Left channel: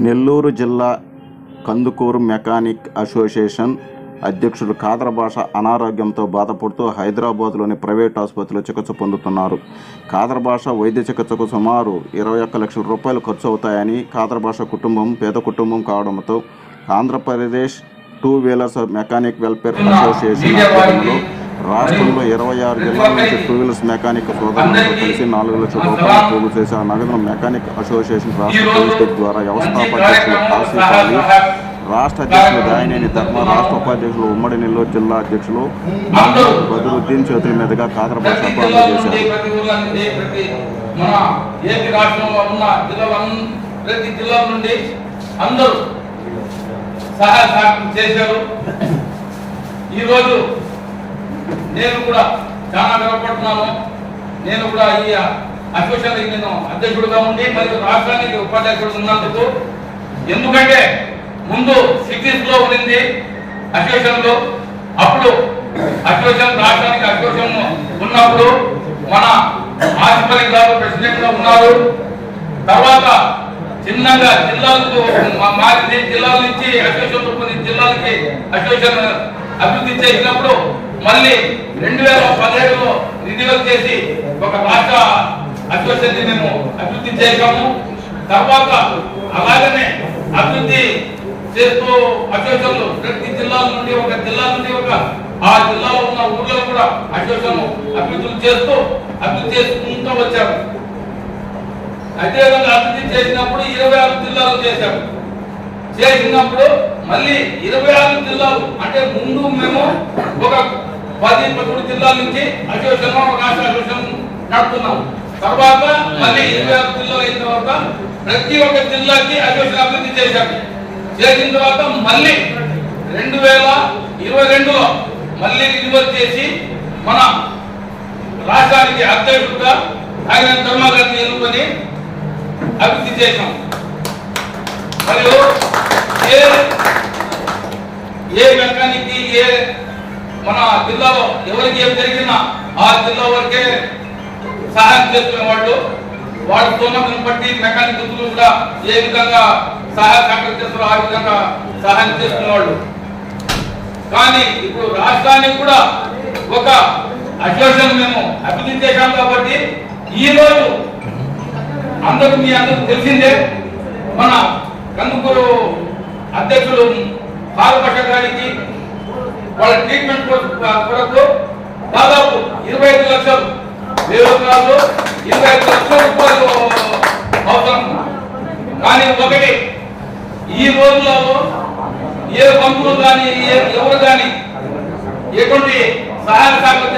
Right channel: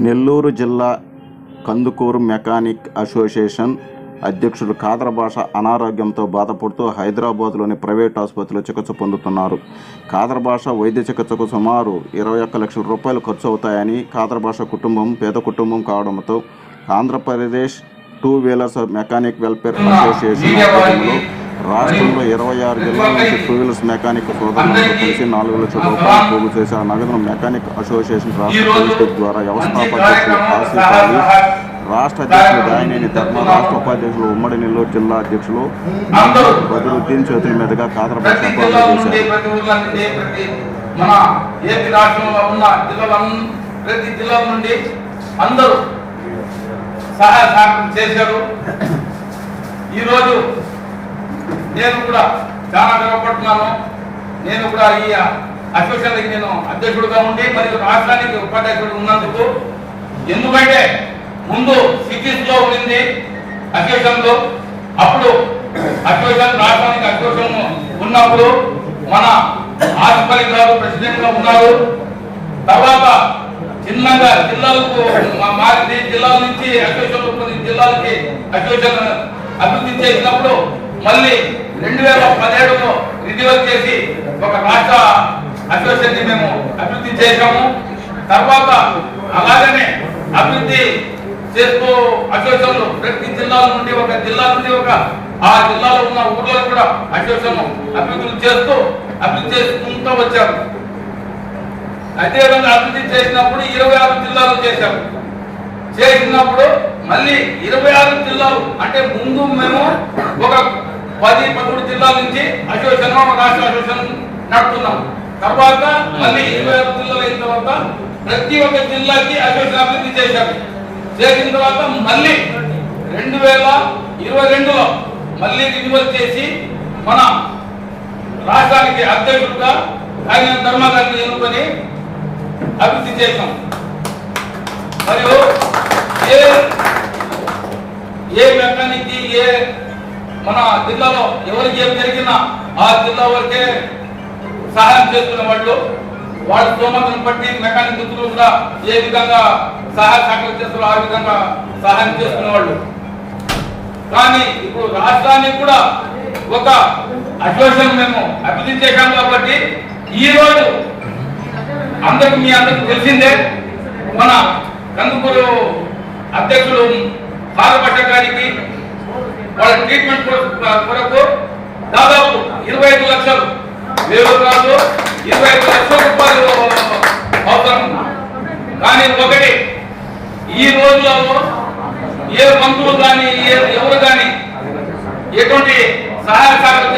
నెల్లూరు జిల్లా Kandukur mechanic association అధ్యక్షుడు కాదర భాష అనారోగ్యంతో బాధపడుతూ హైదరాబాద్లోని ప్రైవేట్ ఆసుపత్రిలో చికిత్స పొందుతున్నారు. కాదర భాష వైద్య చికిత్సకు సుమారు ఇరవై ఒక్క లక్షల రూపాయలు ఖర్చు అవుతాయని కాదర భాష కుటుంబం పేద కుటుంబం కావడంతో Andhra Pradesh two wheelers mechanic welfare association ఆధ్వర్యంలో రాష్ట్రంలో ఇరవై ఆరు జిల్లాల నుంచి టూ వీలర్స్ మెకానిక్ సోదరులతో కలిసి నాలుగు లక్షల రూపాయలు పోగు చేసి ఆ నగదును మెకానిక్ అసోసియేషన్ రాష్ట్ర కమిటీ ద్వారా వ్యవస్థాపక అధ్యక్షులు ఆసిఫ్ అలీ రాష్ట్ర అధ్యక్షులు దాయినేని ధర్మ రాష్ట్ర ఉపాధ్యక్షులు ఉమ్మడి నెల్లూరు జిల్లా అధ్యక్షులు బదురుద్దీన్ చేతుల మీదుగా కాదర భాషకు అందజేశారు. ప్రతి ఊర్ల నుండి ప్రతి మన ఏపీ రాష్ట్రంలో ఉన్న జిల్లాల ప్రతి జిల్లా నుండి అందరూ సహాయ సహకారం చేశారు. ఈరోజు నేను కూడా చాలా గర్వపడుతున్నాను. నేను కూడా ఈ అసోసియేషన్కి నేను అధ్యక్షుడిగా ఉండి మరియు రాష్ట్రానికి ఉపాధ్యక్షుడు ఉన్నందుకు ఎందుకంటే ముందు సిటీస్లో ఉండింది అసోసియేషన్ అప్పుడు అసోసియేషన్ రాష్ట్రానికి అసోసియేషన్ ఉన్నప్పుడు మన ఆసిఫలి గారు ప్రెసిడెంట్ ఉన్నారు. తర్వాత చిన్నగా జిల్లాలకు మా- జిల్లాల నుంచి అసోసియేషన్ కొన్ని జిల్లాలకి అసోసియేషన్ అభివృద్ధి చేసినప్పుడు మళ్ళీ రెండు వేల పదిహేడులో రినివల్ చేసి ఒక రాష్ట్ర అసోసియేషన్ మేము అభివృద్ధి చేశాము. తర్వాత అలాగనే అభివృద్ధి చేస్తూ అసోసియేషన్లు ప్రతి జిల్లాల నుండి ఒక జిల్లా నుండి ఒక ఆ జిల్లాలో ఉన్న ఊర్లలో కూడా అసోసియేషన్ అభివృద్ధి చేస్తూ అభివృద్ధి చేసుకుంటూ వచ్చారు అదేవిధంగా అభివృద్ధి చేసినప్పుడు ఇరవై ఆరు జిల్లాలు చేశాము. చేసినప్పుడు మళ్ళీ ఇరవై ఆరు జిల్లాలు అంటే ముందు మేము ఒక పది పదమూడు జిల్లాల నుంచి అసోసియేషన్ రాష్ట్ర అసోసియేషన్ నడుపుతున్నాం తర్వాత మళ్ళీ ఇరవై ఆరు జిల్లాలు అయిన తర్వాత ప్రతి ఒక్క జిల్లాకి అసోసియేషన్ అభివృద్ధి చేశాము చేసిన తర్వాత మళ్ళీ రెండు వేల ఇరవై రెండులో మళ్ళీ రిన్యువల్ చేసి మన రాష్ట్రానికి అధ్యక్షుడుగా ఆయన ధర్మగారిని ఎన్నుకొని అభివృద్ధి చేశాం. మరియు ఏ ఏ మెకానిక్ ఏ మన జిల్లాలో ఎవరికి ఏం జరిగినా ఆ జిల్లా వరకే సహాయం చేస్తున్న వాళ్ళు వాళ్ళ స్తోమతను బట్టి మెకానిక్ వృత్తులు కూడా ఏ విధంగా సహాయ సహకారం చేస్తారో ఆ విధంగా సహాయం చేస్తున్న వాళ్ళు. కానీ ఇప్పుడు రాష్ట్రానికి కూడా ఒక అసోసియేషన్ మేము అభివృద్ధి చేశాం కాబట్టి ఈ రోజు అందరికి మీ అందరికి తెలిసిందే మన కందుకూరు అధ్యక్షులు పాలపట్ట గారికి వాళ్ళ ట్రీట్మెంట్ కొరకు- దాదాపు ఇరవై ఐదు లక్షలు వేలు కాదు ఇరవై ఐదు లక్షల రూపాయలు అవసరం కానీ ఒకటి ఈ రోజులలో ఏ మంత్రులు కానీ ఏ ఎవరు కానీ ఎటువంటి సహాయ సహకారం